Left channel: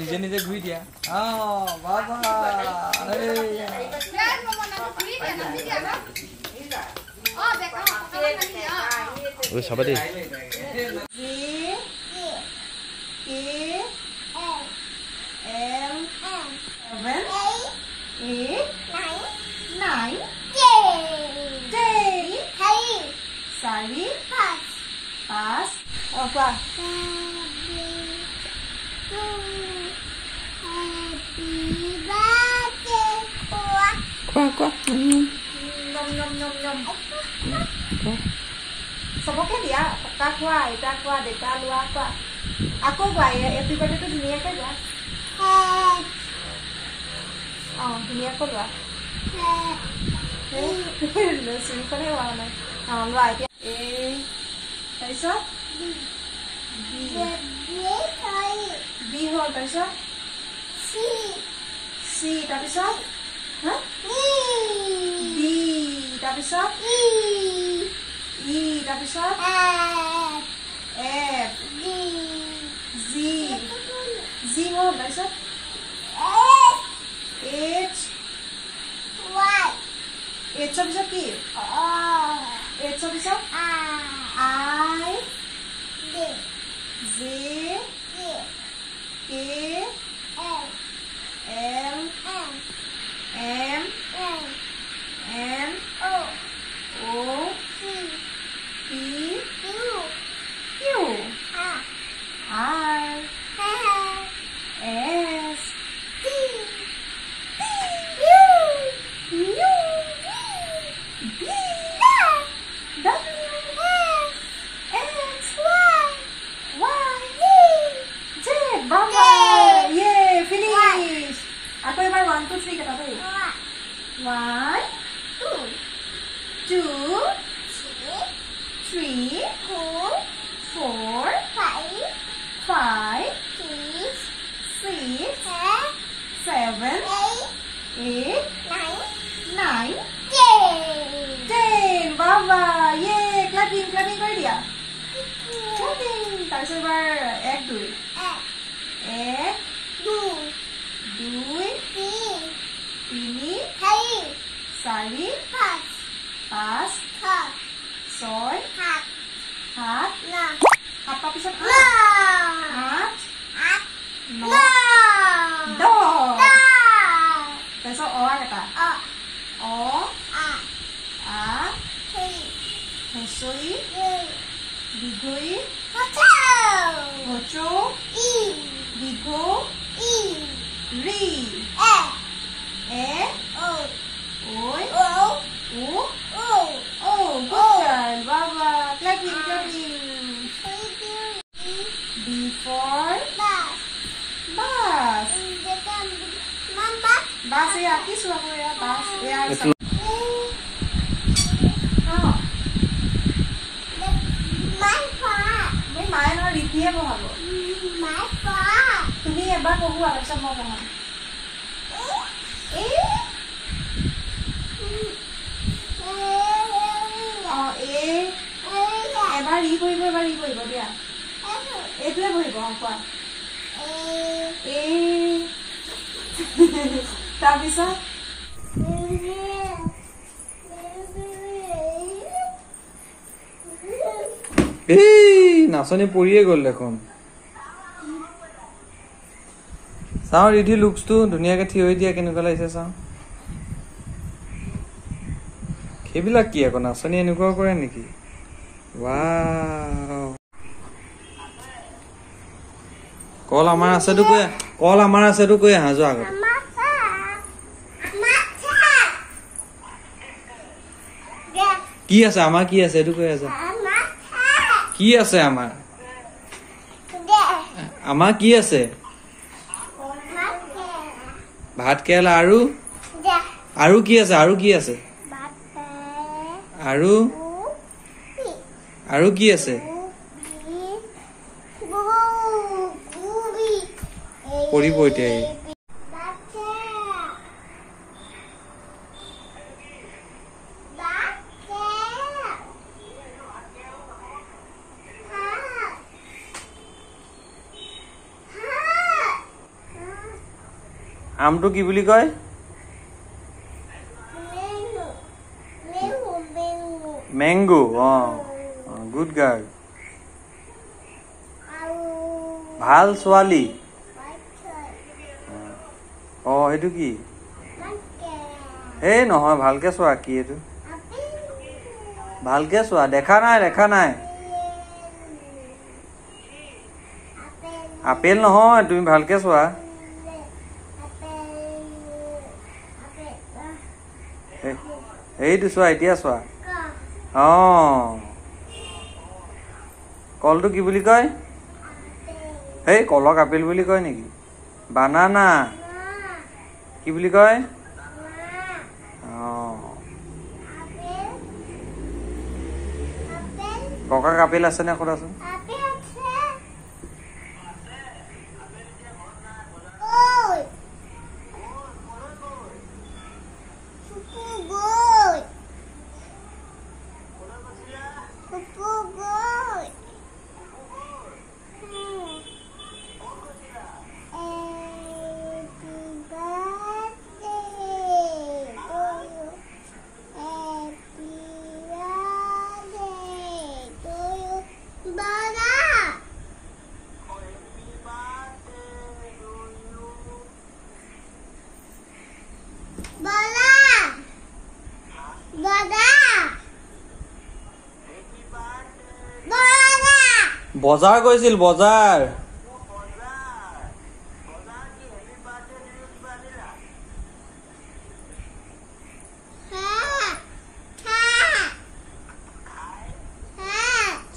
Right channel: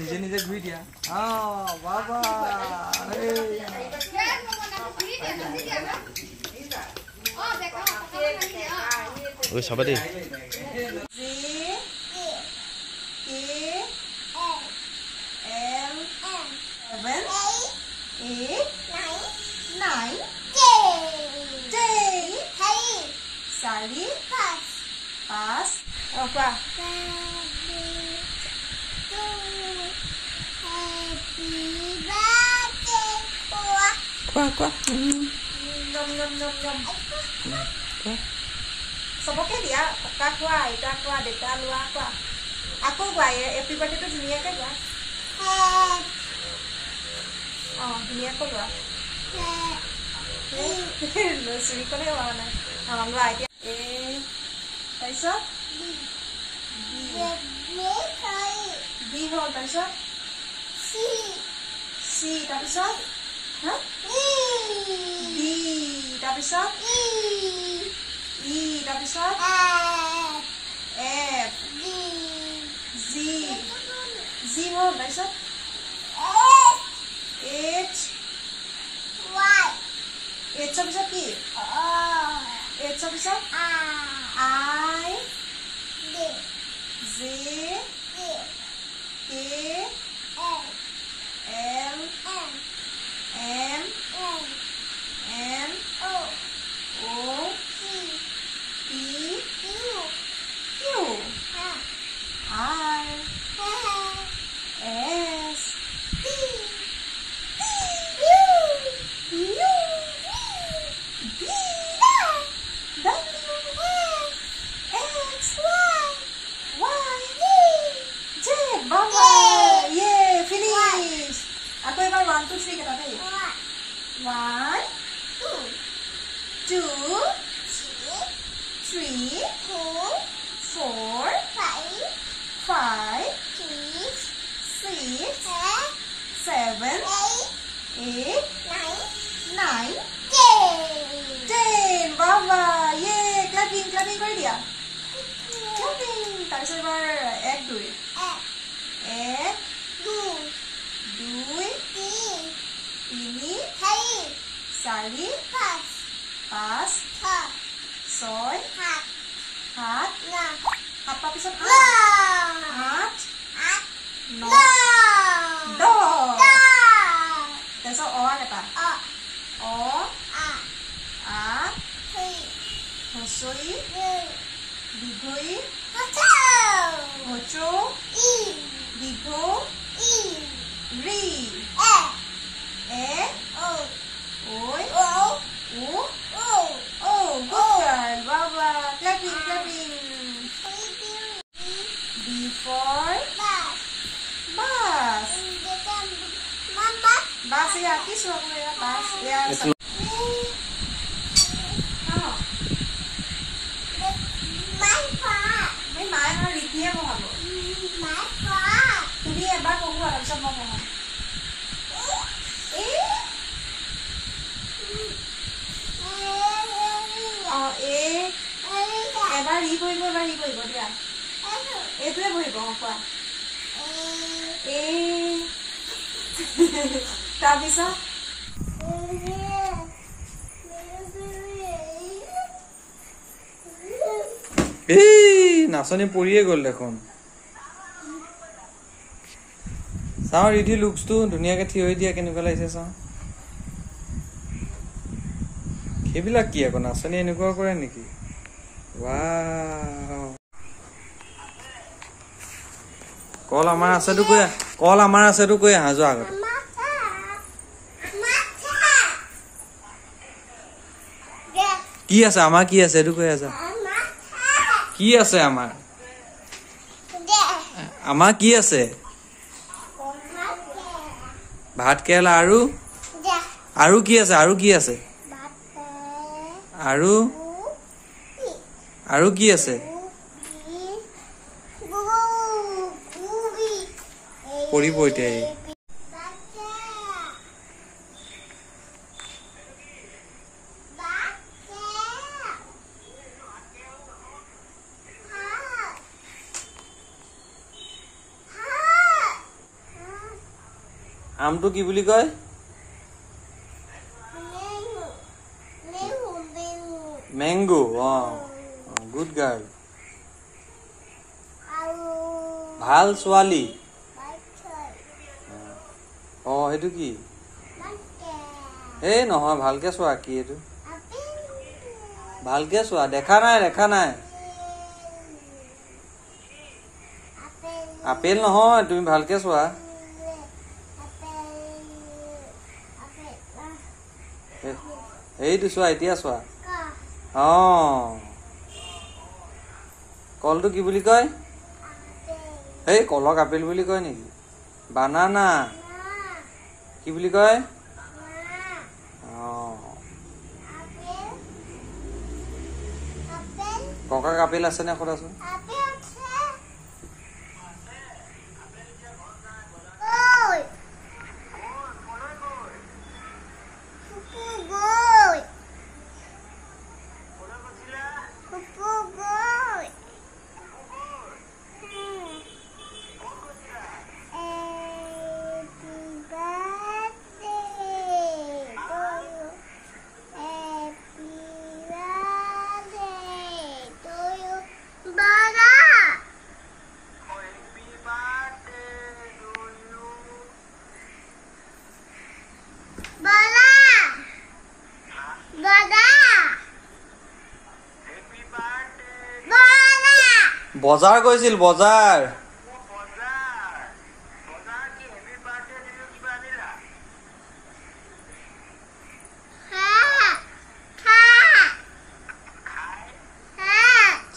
নিজে নিজে ঘুৰি দিয়া বাবা ঐ চাবা দেই सबके दिया पक्का खुआ इटा खुआ देता लुआ खुआ आको गुआई हैप्पी बर्थडे तो दुनिया के गया दुनिया को लुआ सुनी को हुआ ना लुआ ए कैसा बी हल कैसा सी তাৰপিছত ডি তাৰপিছত ই তাৰপিছত এফ জি জি হল তাৰপিছত এইচ এইচৰ পিছত কি এইচৰ পিছত I J K M O P Q R S T U V W X Y Z Baba yeah finish aku ebar 1 2 3 kata deh 1 2 3 4 5 6 7 8 9 10 baba yeah clapping kori dia clapping tarpisot ebar 1 2 1 2 তিনি 4 5 6 7 সাত পিছত 8 9 10 তাৰপিছত অ এটা অ আ হসই দীঘই হচো দীঘ ri e o oi o good girl baba clapping b for bus mama bus ya kisu aku ya bus ya mai mai no ritie bahabo mai pa tumi ebar pogua tarpisot মই পঢ়াম এবাৰ ই কৰিব দিয়া এইটোৱে বহিব কোৱা তাৰপিছত নাচনি পৰিয়ে গ'ল দেখোন চাওঁ ৰিধি লুকছটো ধুনীয়াকে থিয় হৈ দিয়া কেনেকুৱা লাগিছে চাওঁ সেইবিলাক কি আকৌ নাচনি এনেকুৱা কৰে নেকি ৱাও কল আমাৰ আছেতো কৈ আহা যোৱা আগত কি আছে আমাৰ কি আছে এইটো কৈ আছা কি আছে আমাৰ কি আছে ভাত কেৰেলা আৰু কি আছে আৰু কি আছে আৰু কি আছে পৰিব এতিয়া আমটো কি বুলি কয় মেংগো গুড গাৰ্ল ভাল ছোৱালী সেইটো কি এই নহয় ভালকে চোৱা কি এইটো ভালকে চোৱা দেখা নাই আপেল নহয় তুমি ভালকে চোৱা এইটো চোৱা এতিয়া চোৱা কলটো কি বুলি কয় এই কলক আপেল বুলি কয় নেকি বানানা কি বুলি কয় ককাক আপেল আছে নে সোধাচোন বজাৰ গৈছিল বজাৰ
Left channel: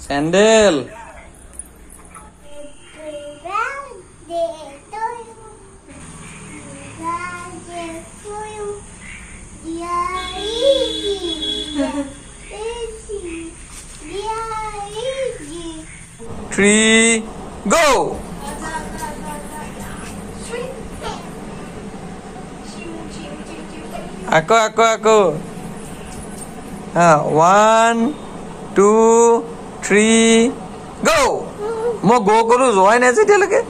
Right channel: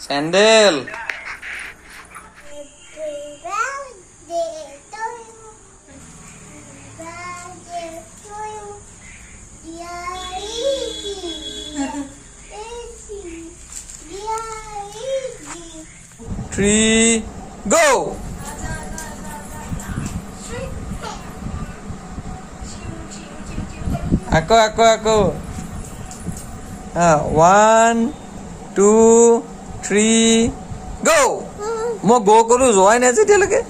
চেন্ডেল Three, go! Aku. 1, 2, 3, go! Mau go kuru join aja dia lagi.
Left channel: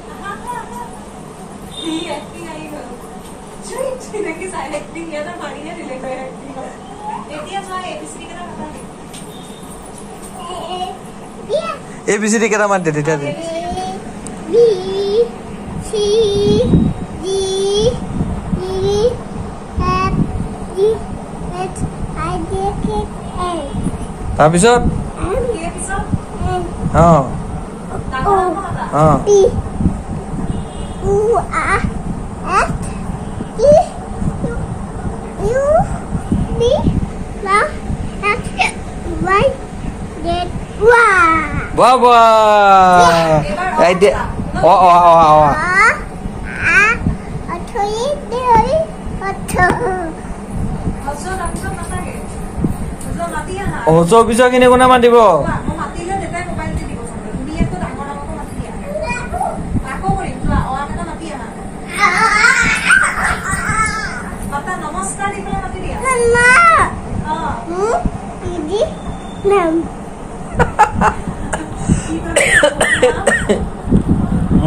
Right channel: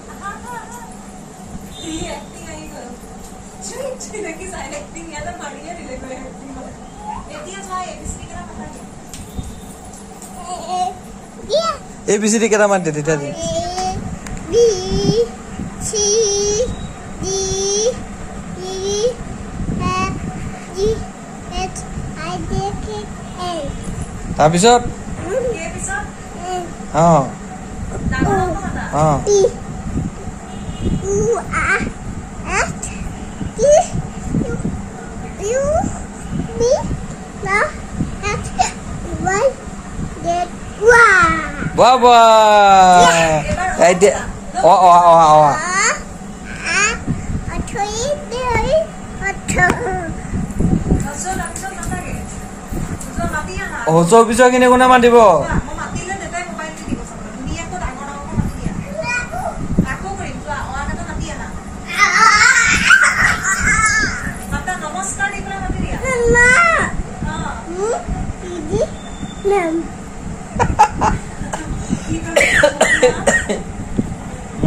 ABCD kita mati di tadi. B C D E F G H I J K L. Habisot? P U R S T U V W X Y Z. Baba. Ide. Ojo bisa kini guna mandi bo.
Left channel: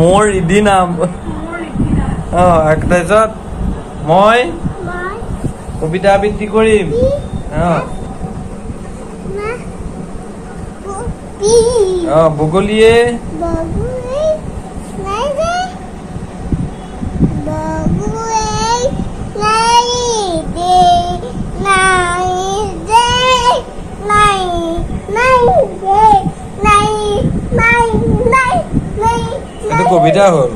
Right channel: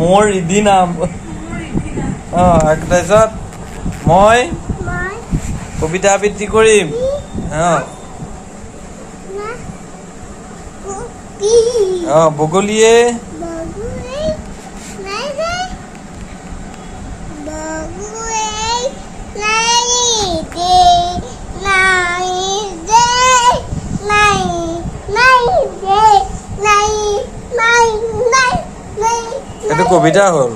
More idi naam. Aktasat moi kobita abitti korim. Bogolie itu kobita hol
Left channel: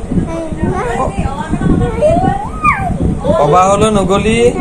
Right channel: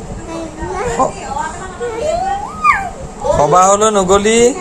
kaba holo nogoli